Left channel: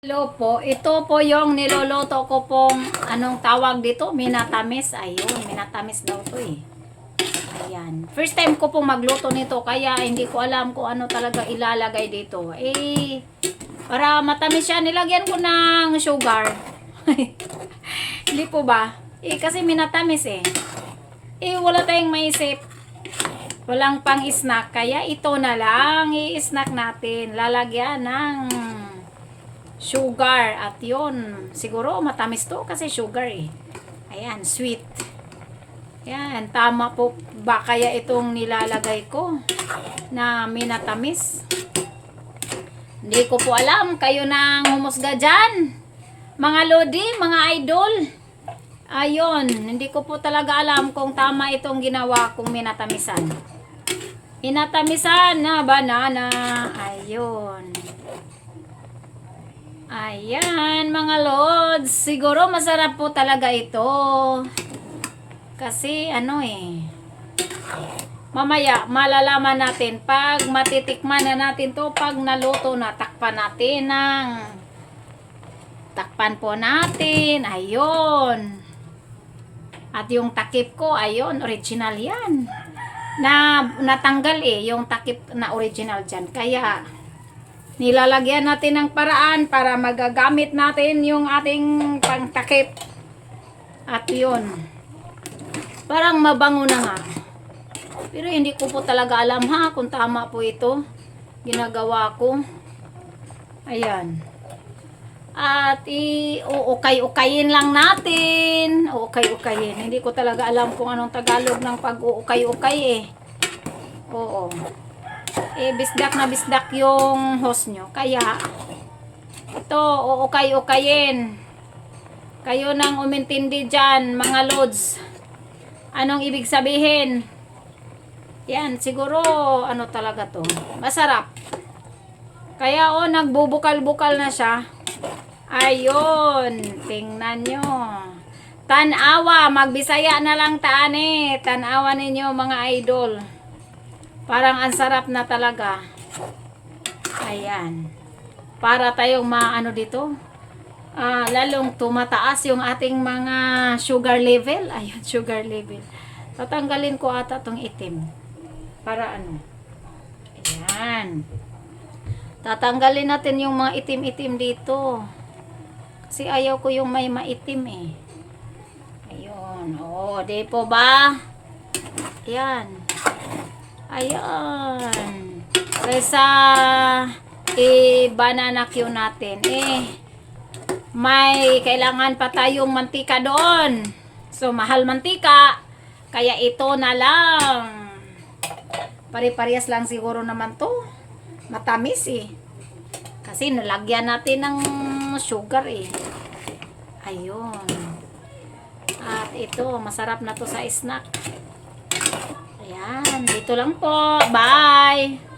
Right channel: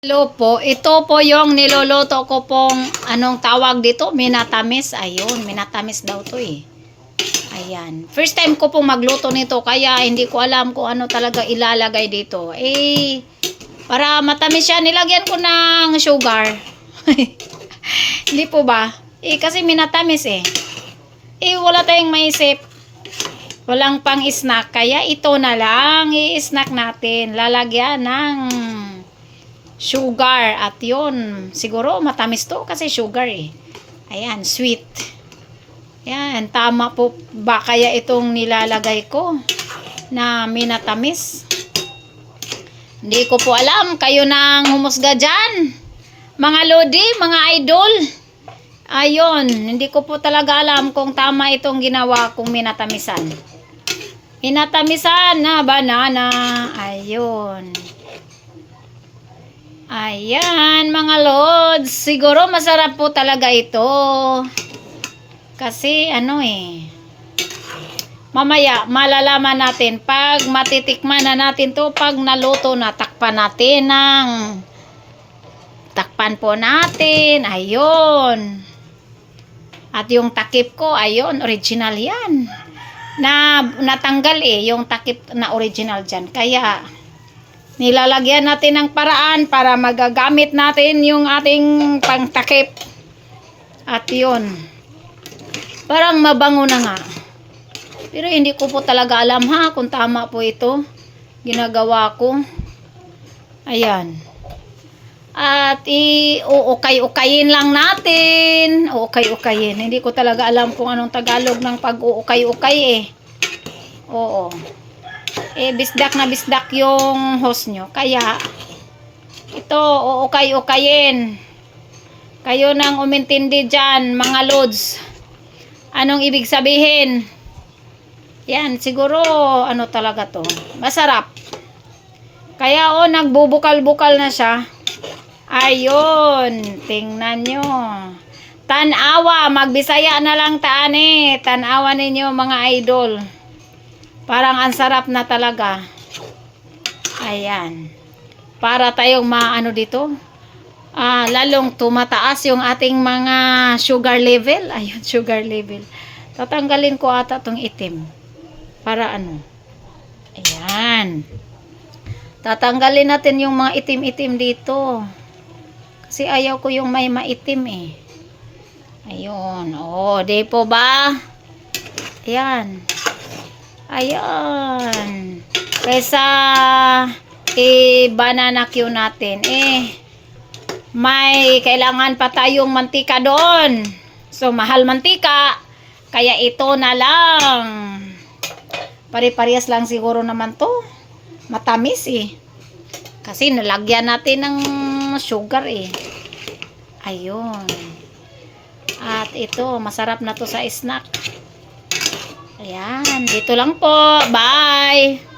Hello po, ito po yung niloloto ko pong anong tawag dito, minatamis. Ayun, minatamis daw to eh. Ayan. First time ko pong magluto nito kaya hindi ko alam kung ano talaga ilalagay dito. Para matamis siya, nilagyan ko ng sugar. Hindi po ba? Kasi minatamis eh. Wala tayong maisip. Walang pang snack. Kaya ito na lang i-snack natin. Lalagyan ng sugar at yun, siguro matamis to kasi sugar eh. Ayan, sweet. Ayan, tama po ba kaya itong nilalagay ko na minatamis? Hindi ko po alam, kayo nang humusga dyan mga lodi, mga idol. Ayun, hindi ko po talaga alam kung tama itong ginawa kong minatamisan. Minatamisan na banana. Ayun. Ayan, mga lods. Siguro masarap po talaga ito. Kasi mamaya malalaman natin pag matitikman na natin to, pag naluto na, takpan po natin. Ayun. At yung takip ko, ayun, original yan. Natanggal yung takip na original dyan. Kaya nilalagyan natin ng paraan para magagamit natin yung ating pangtakip. At yun, parang mabango na nga. Pero hindi ko po talaga alam kung tama po ito ginagawa ko. Ayan. At uukay-ukayin lang natin. Uukay-ukayin. Hindi ko talaga alam kung anong Tagalog ng pag-uukay-ukay eh. Oo. Bisdak na bisdak yung host nyo. Kaya, ito, uukay-ukayin. Kayo nang umintindi dyan, mga lods. Anong ibig sabihin? Yan, siguro, ano talaga to? Masarap. Kaya, nagbubukal-bukal na siya. Ayun, tingnan nyo. Tanawa, magbisaya na lang tanawa ninyo mga idol. Parang ang sarap na talaga. Ayan. Para tayong dito. Lalong tumataas yung ating mga sugar level. Ayun, sugar level. Tatanggalin ko ata tong itim. Para Ayan. Tatanggalin natin yung mga itim-itim dito. Kasi ayaw ko yung may maitim eh. Ayun. Di po ba? Ayan. Ayan. Kaysa banana Q natin may kailangan pa tayong mantika doon. So mahal mantika. Kaya ito na lang. Pare-parehas lang siguro naman to. Matamis eh. Kasi nalagyan natin ng sugar eh. Ayun. At ito, masarap na to sa snack. Ayan, dito lang po. Bye!